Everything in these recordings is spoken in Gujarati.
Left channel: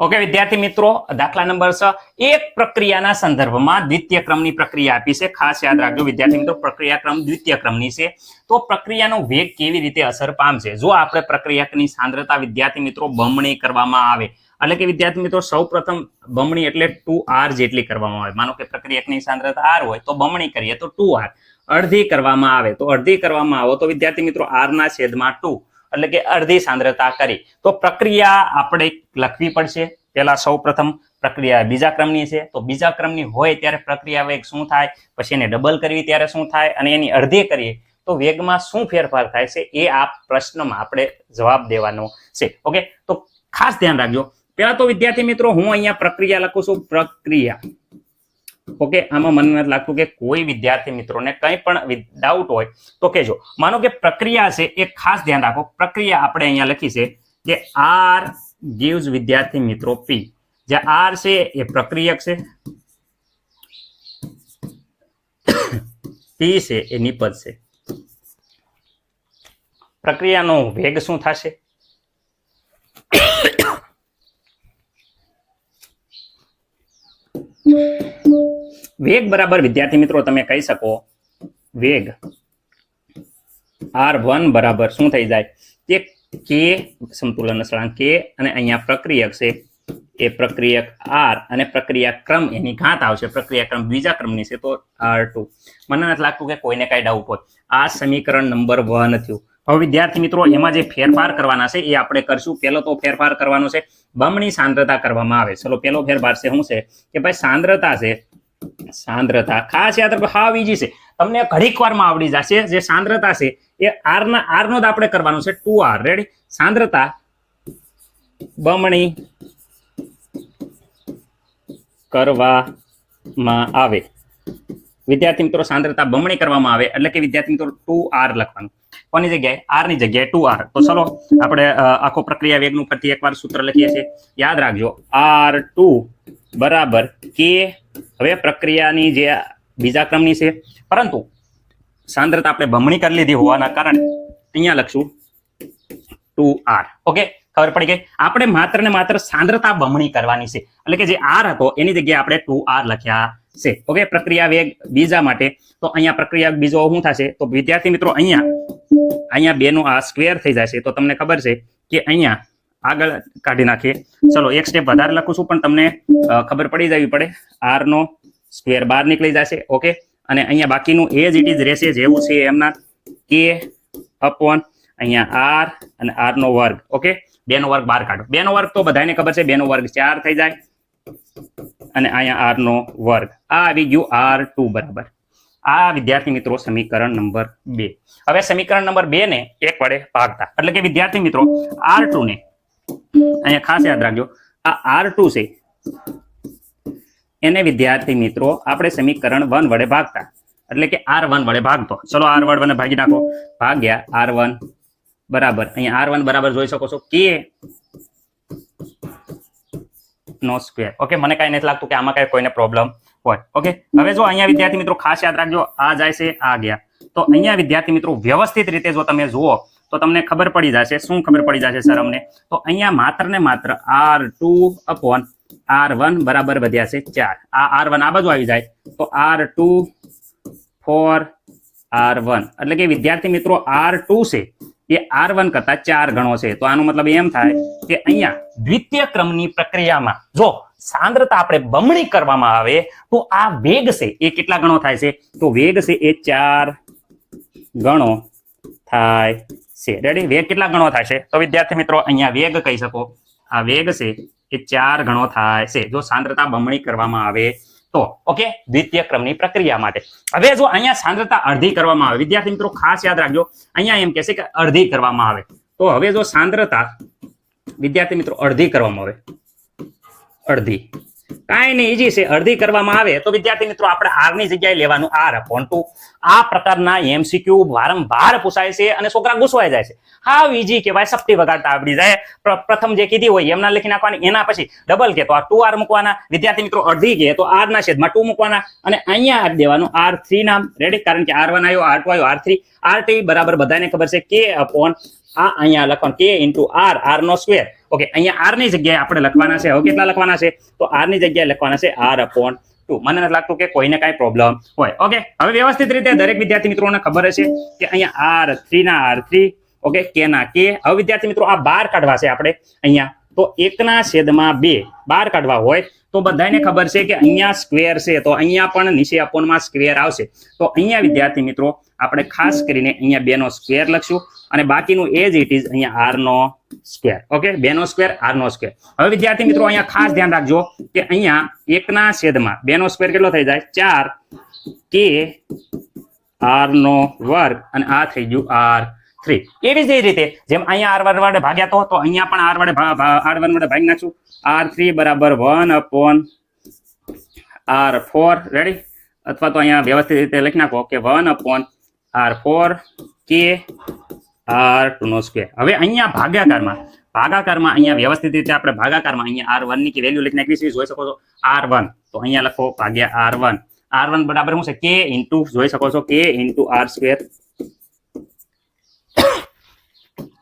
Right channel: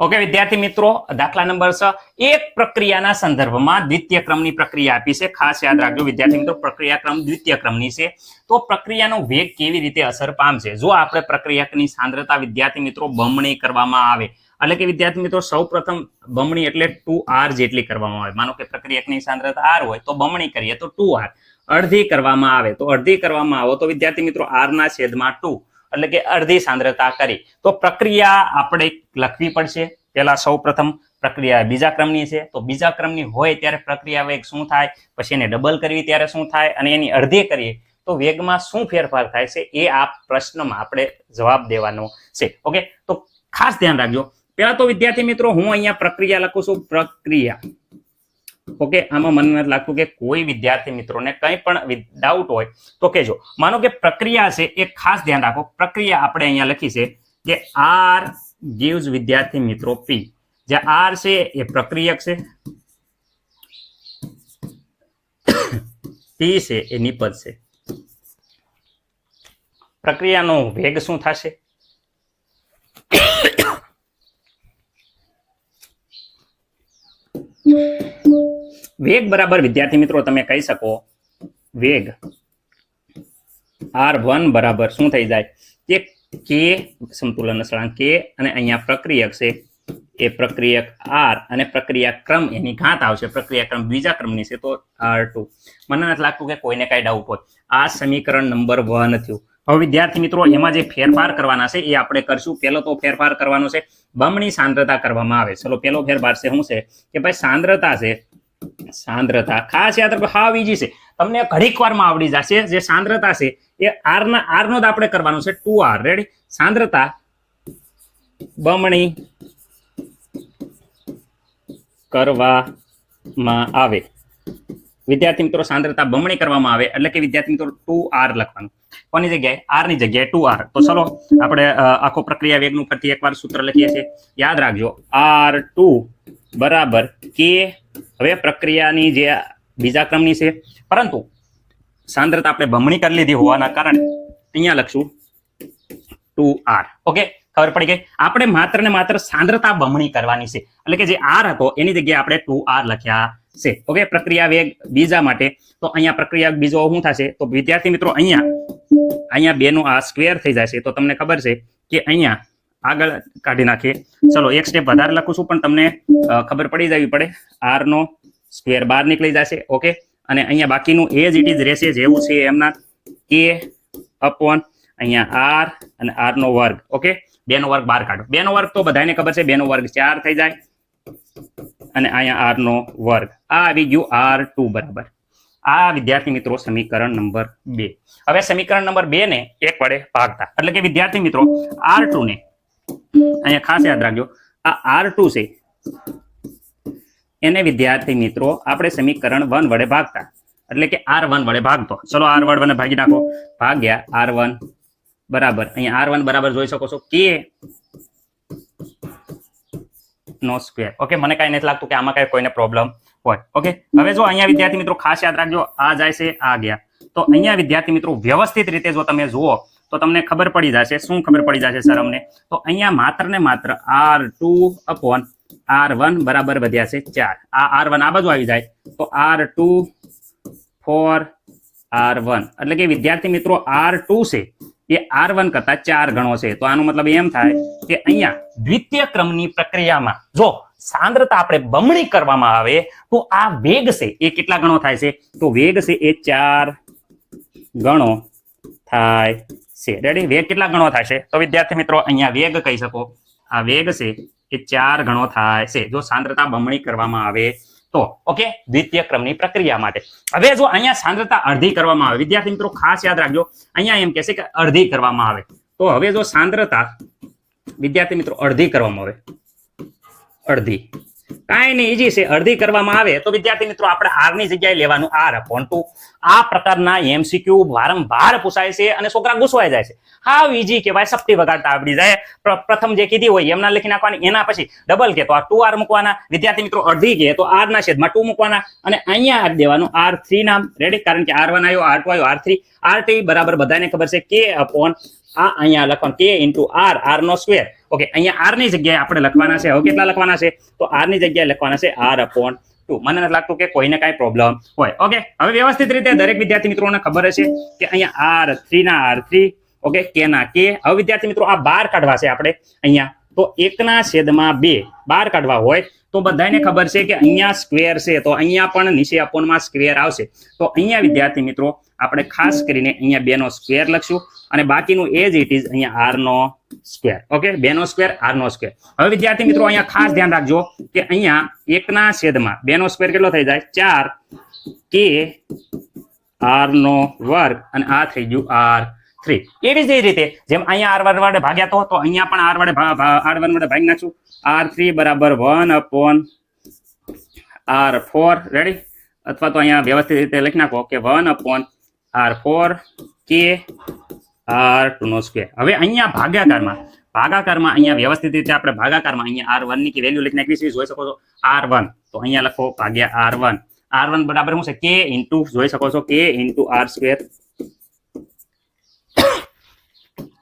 ઓકે વિદ્યાર્થી મિત્રો, દાખલા નંબર 6 એક પ્રક્રિયાના સંદર્ભમાં દ્વિતીય ક્રમની પ્રક્રિયા આપી છે. ખાસ યાદ રાખજો વિદ્યાર્થી મિત્રો, પ્રક્રિયા ક્રમ દ્વિતીય ક્રમની છે. તો પ્રક્રિયાનો વેગ કેવી રીતે અસર પામશે? જો આપણે પ્રક્રિયાની સાંદ્રતા વિદ્યાર્થી મિત્રો બમણી કરવામાં આવે, એટલે કે વિદ્યાર્થી મિત્રો સૌપ્રથમ બમણી એટલે 2r જેટલી કરવામાં આવે. માનો કે પ્રક્રિયાની સાંદ્રતા r હોય તો બમણી કરીએ તો 2r. અડધી કરવામાં આવે તો અડધી કરવામાં આવે તો વિદ્યાર્થી મિત્રો r ના છેદમાં 2 એટલે કે અડધી સાંદ્રતા કરી. તો પ્રક્રિયા આપણે લખવી પડશે. પહેલા સૌપ્રથમ પ્રક્રિયા બીજા ક્રમની છે, તો બીજા ક્રમની હોય ત્યારે પ્રક્રિયા વેગ શું થાય, પછી એને ડબલ કરવી ત્યારે શું થાય, અને એની અડધી કરીએ તો વેગમાં શું ફેરફાર થાય છે એ આ પ્રશ્નમાં આપણે જવાબ દેવાનો છે. ઓકે, તો ખાસ ધ્યાન રાખજો. પહેલા તો વિદ્યાર્થી મિત્રો હું અહીંયા પ્રક્રિયા લખું છું, પ્રક્રિયા. ઓકે, આમાં મને નથી લાગતું કે કોઈ વિદ્યાર્થી મિત્રોને કંઈ પણ ડાઉટ હોય તો કહેજો. માનો કે પ્રક્રિયા છે એ ખાસ ધ્યાન રાખો. પ્રક્રિયા આપણે અહીંયા લખી છે કે r gives વિદ્યાર્થી મિત્રો p. જે r છે એ પ્રક્રિયક છે, p છે એ નિપજ છે. પ્રક્રિયાનો વેગ શું થશે? વેગ બરાબર વિદ્યાર્થી મિત્રો તમે કહી શકો વેગ r1 બરાબર શું થઈ જાય કે k સમતુલન અચળાંક k, અને અહીંયા પ્રક્રિયક છે એ પ્રક્રિયક r, અને પ્રક્રિયા ક્રમ એની ઘાત આવશે. પ્રક્રિયા ક્રમ બીજા ક્રમની છે તો r2. મને નથી લાગતું કે કોઈને કઈ ડાઉટ હોય. આ સમીકરણ નંબર 1 થયું. હવે વિદ્યાર્થી મિત્રો એમાં જે ફેરફાર કરવાના છે એ આપણે કરશું. પહેલો તો ફેરફાર કરવાનો છે બમણી સાંદ્રતા કરવામાં આવે. ચલો પહેલો ફેરફાર છે શું છે કે ભાઈ સાંદ્રતા છે, સાંદ્રતા ખાસ યાદ રાખો, હાવ ઈઝી છે, તમને ઘડીક વારમાં આવડી જશે. જે સાંદ્રતા છે એ r નો જ આપણે કરવાનું છે 2r. રેડી? સાંદ્રતા બમણી કરવામાં આવે. વિદ્યાર્થી મિત્રો સાંદ્રતા બમણી કરવામાં આવે એટલે કે વિદ્યાર્થી મિત્રો 2r લખવાનું. કોની જગ્યાએ? r ની જગ્યાએ 2r. તો ચલો આપણે આખો પ્રક્રિયા વેગનું ફરીથી એકવાર સૂત્ર લખીએ છીએ. યાદ રાખજો r2 બરાબર k. હવે પ્રક્રિયાની જે બીજા ક્રમની છે, પરંતુ સાંદ્રતા આપણે બમણી કરી લીધી હોવાના કારણે અહીંયા લખશું 2r. ઓકે, ખબર પડી ગઈ? આપણે માત્ર ને માત્ર સાંદ્રતા બમણી કરવાની છે, એટલે કે જે r હતો એની જગ્યાએ આપણે 2r લખ્યા છે. ઓકે, પ્રક્રિયા વેગ બીજા માટે તો અહીંયા પ્રક્રિયા બીજો શું થશે? તો વિદ્યાર્થી મિત્રો અહીંયા 2 નો આ સ્ક્વેર થઈ જશે. તો તમને ખબર છે કે અહીંયા આગળ કાઢી નાખીએ. ચલો એક સ્ટેપ વધારે લખું છું પણ તમને ખબર પડી જવી પડે. r નો સ્ક્વેર બહાર નીકળી જશે. ઓકે, અને અહીંયા બાકીનું એ જ ઇટ ઇઝ રહેશે જેવું છે એમના k અપોન અહીંયા r અને r નો વર્ગ. ઓકે, 2 નો વર્ગ બહાર કાઢો. 2 નો વર્ગ તો બધાને ખબર છે, 2 નો વર્ગ 4 થઈ જાય, અને અહીંયા r નો વર્ગ. આ આવી ગયું r2 બરાબર. આ વિદ્યાર્થી મિત્રો સમીકરણ નંબર 2. હવે સમીકરણ નંબર 2 ને 1 વડે ભાગતા, એટલે કે વિદ્યાર્થી મિત્રો r2 ને અહીંયા ખાસ યાદ રાખજો, આ r2 છે એને વિદ્યાર્થી મિત્રો આપણે સમીકરણ 1 વડે ભાગતા, એટલે કે r1 વડે ભાગતો. ચલો r1 વડે ભાગી નાખો. ભાગ્યા r1 બરાબર અહીંયા r1 બરાબર જોઈ શકો છો k નો સ્ક્વેર. ઓકે, મને કઈ નથી લાગતું કે આમાં કઈ કોઈને પ્રોબ્લેમ હોય. ઓકે, હવે જો અહીંયા વિદ્યાર્થી મિત્રો ખાસ યાદ રાખજો, આ જાય છે આ ગયા, તો અહીંયા વિદ્યાર્થી મિત્રો વ્યવસ્થિત રીતે જો તમે જુઓ તો તમને ખબર પડી જશે. શું ખબર પડી જશે સર અમને? તો અહીંયા માત્ર ને માત્ર r2 અપોન r1 બરાબર વધ્યા છે 4. આ r1 આ બાજુ આવી જાય તો r2 4 r1, એટલે કે વિદ્યાર્થી મિત્રો r2 છે એ r1 કરતા 4 ગણો છે. તો આનો મતલબ એમ થાય કે અહીંયા દ્વિતીય ક્રમની પ્રક્રિયામાં જો સાંદ્રતા આપણે બમણી કરવામાં આવે તો આ વેગ છે એ કેટલા ગણો થાય છે? તો વેગ છે એ 4 ગણો થાય છે. રેડી? વેગ કેટલા ગણો થાય છે? તો વિદ્યાર્થી મિત્રો અહીંયા વેગ કહી શકો, આ વેગ છે એ 4 ગણો થાય છે જો સાંદ્રતા બમણી કરવામાં આવે તો. ઓકે, દ્વિતીય ક્રમની પ્રક્રિયા માટે. હવે જો અહીંયા સાંદ્રતા અડધી કરવામાં આવે, વિદ્યાર્થી મિત્રો ખાસ યાદ રાખજો, અહીંયા એમ કહેશે કે અડધી કરવામાં આવે. તો હવે જો સાંદ્રતા વિદ્યાર્થી મિત્રો અડધી કરવામાં આવે, અડધી કાંઈ નહીં, ઈજી છે. અડધી કરવામાં આવે તો વિદ્યાર્થી મિત્રો આપણે r ની જગ્યાએ લેવાનું r/2. આ પ્રકારના એમસીક્યુ વારંવાર પૂછાય છે અને છોકરા ગુસવાઈ જાય છે. હાવ ઈજી કહેવાય, સપટી વગાડતા આવડી જાય. પ્રથમ જે કીધી હોય એમના લખી નાખવાની, એના પછી ડબલ કે તો આ 2r મૂકવાના. વિદ્યાર્થી મિત્રો અડધી કે તો r ના છેદમાં 2 મૂકવાના, અને અહીંયા આપી દેવાનું r3 નામ. રેડી? કારણ કે r1 આવ્યો, r2 આવ્યો, r3 rt બરાબર બધાને ખબર છે k અપોન આ અહીંયા લખવાનું k ઇન્ટુ r, r નો સ્ક્વેર. ઓકે, અહીંયા આર ની જગ્યાએ આપણે લખવાના છે, હવે કેટલા લખવાના છે, તો આર ની જગ્યાએ લખવાના છે R/2. મને નથી લાગતું કે કોઈને કાંઈ પ્રોબ્લેમ હોય. ઓકે, હવે વ્યવસ્થિત રીતે દરેક વિદ્યાર્થી મિત્રોને ખબર હશે કે અહીંયા R3 ના R3, ઓકે, K ના K. હવે વિદ્યાર્થી મિત્રો આ 12 કાઢવા છે આપણે અહીંયા, તો 1/2 12 કાઢવા હોય તો બધાને ખબર છે કે અહીંયા સ્ક્વેર છે, તો અહીંયા પણ નીચે અપોનમાં સ્ક્વેર આવશે. તો અહીંયા વિદ્યાર્થી મિત્રો આપણે ખાસ કરીને અહીંયા 2 નો સ્ક્વેર લખશું અને બાકીનું એજ ઇટ ઇઝ અહીંયા R નો સ્ક્વેર. ઓકે, 2 નો સ્ક્વેર R નો સ્ક્વેર. હવે વિદ્યાર્થી મિત્રો અહીંયા ખાસ ધ્યાન રાખજો કે અહીંયા 1/2 નો સ્ક્વેર કેટલો થઈ જાય, 4K R નો વર્ગ અને આ થઈ ગયું R3. એવી જ રીતે જેમ અહીંયા R વડે ભાગ્યા તો અહીંયા પણ R વડે ભાગી નાખશું. R3 બરાબર 1/R4. રેડી? અથવા તો અહીંયા વ્યવસ્થિત રીતે લખી નાખો કે 1/R4 K R2 નો સ્ક્વેર. હવે અહીંયા ભાગાકારમાં અહીંયા વ્યવસ્થિત રીતે આપણે ભાગાકારમાં અહીંયા R1 ની વેલ્યુ લખી નાખી છે, જોઈ શકો છો R1. તો અહીંયા લખો ભાગ્યા R1. R1 બરાબર શું છે, K ઇન્ટુ, જોઈ શકો છો K ઇન્ટુ R સ્ક્વેર.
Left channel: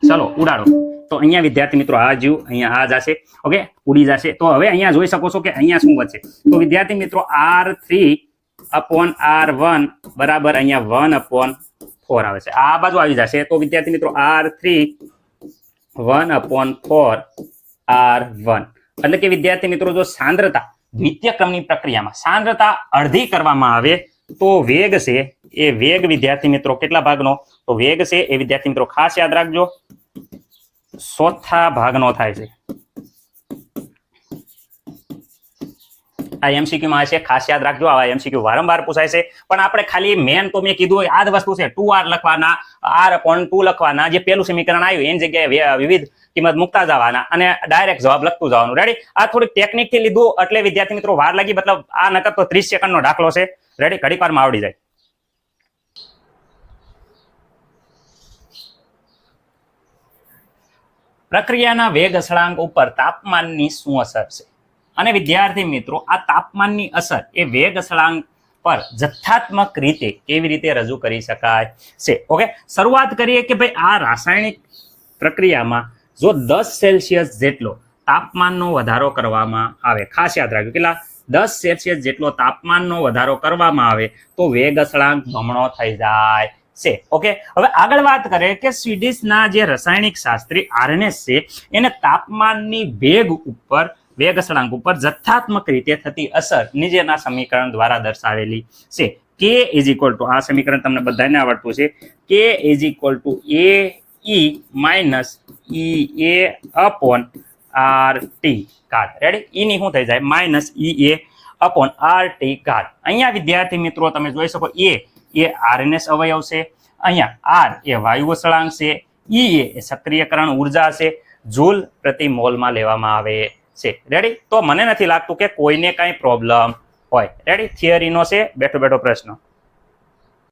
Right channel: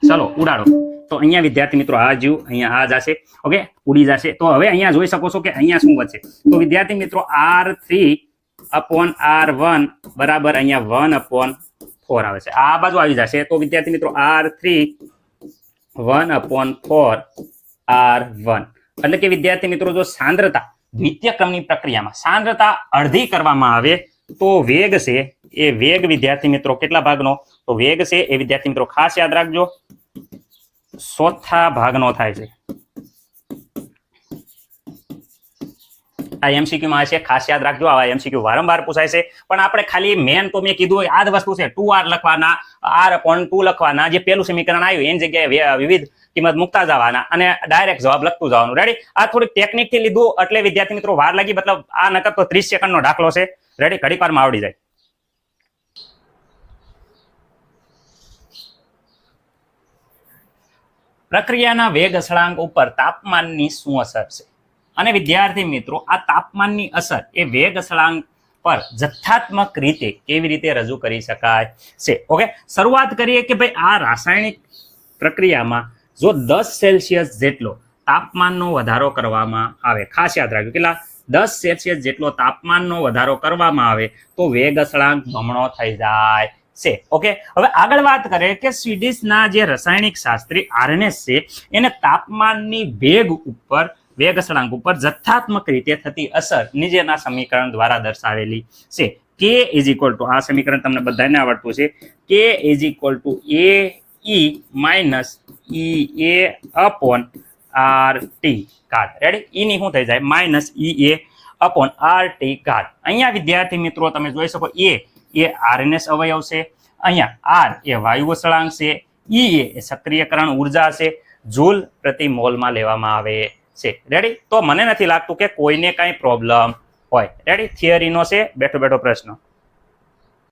ચલો ઉડાડો. તો અહીંયા વિદ્યાર્થી મિત્રો આ જ્યું અહીંયા આ જશે, ઓકે, ઉડી જશે. તો હવે અહીંયા જોઈ શકો છો કે અહીંયા શું વધશે, તો વિદ્યાર્થી મિત્રો R3/R1 બરાબર અહીંયા 1/4 આવે છે, આ બાજુ આવી જશે. તો વિદ્યાર્થી મિત્રો R3 1/4R1 એટલે કે વિદ્યાર્થી મિત્રો જો સાંદ્રતા દ્વિતીય ક્રમની પ્રક્રિયામાં સાંદ્રતા અડધી કરવામાં આવે તો વેગ છે એ વેગ વિદ્યાર્થી મિત્રો કેટલા ભાગનો, તો વેગ છે એ વિદ્યાર્થી મિત્રો ખાસ યાદ રાખજો 1/4 ભાગનો થાય છે. આ એમસીક્યુ માં છે, ખાસ યાદ રાખજો. આ એમસીક્યુ વારંવાર પૂછાય છે, પણ આપણે ખાલી મેન તો મેં કીધું આ જ વસ્તુ છે, 2R લખવાના, R/2 લખવાના. જે પેલું સમીકરણ આવ્યું એની જગ્યાએ વિવિધ કિંમત મૂકતા જવાના અને ડાયરેક્ટ જવાબ લખતું જવાનું. રેડી? આ થોડી ટેકનિક થી લીધું એટલે વિદ્યાર્થી મિત્રો વાર લાગી, મતલબ આ નકર તો 30 સેકન્ડનો દાખલો છે. રેડી? ઘડીક વારમાં આવડી જાય. પ્રક્રિયાના વેગ અચળાંક ઉપર તાપમાનની શું અસર છે? અને વિદ્યાર્થી મિત્રો આ તાપમાનની અસર એ વેગ અચળાંક પર જથ્થાત્મક રીતે કેવી રીતે રજૂ કરી શકાય છે? ઓકે, શરૂઆત કરીએ કે ભાઈ આ રાસાયણિક પ્રક્રિયામાં જો 10 સેલ્સિયસ જેટલો તાપમાનનો વધારો કરવામાં આવે, ખાસ યાદ રાખજો કેટલા, 10 સેલ્સિયસ જેટલો તાપમાનનો વધારો કરવામાં આવે તો વેગ અચળાંક બમણો થઈ જાય છે. ઓકે, હવે આગળ વાત કરીએ કે સ્વીડિશના જે રાસાયણિક શાસ્ત્રી આર્નેસ છે એને તાપમાનની વેગ અચળાંક ઉપર જથ્થાત્મક રીતે થતી અસર નીચેના સમીકરણ દ્વારા દર્શાવેલી છે. K ઇઝ ઇક્વલ ટુ, આ સમીકરણ તમને બધાને આવડતું છે, K is equal to AE minus EA upon RT ઘાત. રેડી? એની શું થઈ જાય, માઇનસ EA અપોન RT ઘાત. અહીંયા વિદ્યાર્થી મિત્રો તમે જોઈ શકો A એ આરએનએસ અવયવ છે, અહીંયા R એ વાયુ અચળાંક છે, E એ સક્રિયકરણ ઉર્જા છે, જૂલ પ્રતિ મોલમાં લેવામાં આવે છે. રેડી? તો મને નથી લાગતું કે કોઈને કાંઈ પ્રોબ્લેમ હોય. રેડી? થિયરીનો છે બેઠો બેઠો પ્રશ્ન.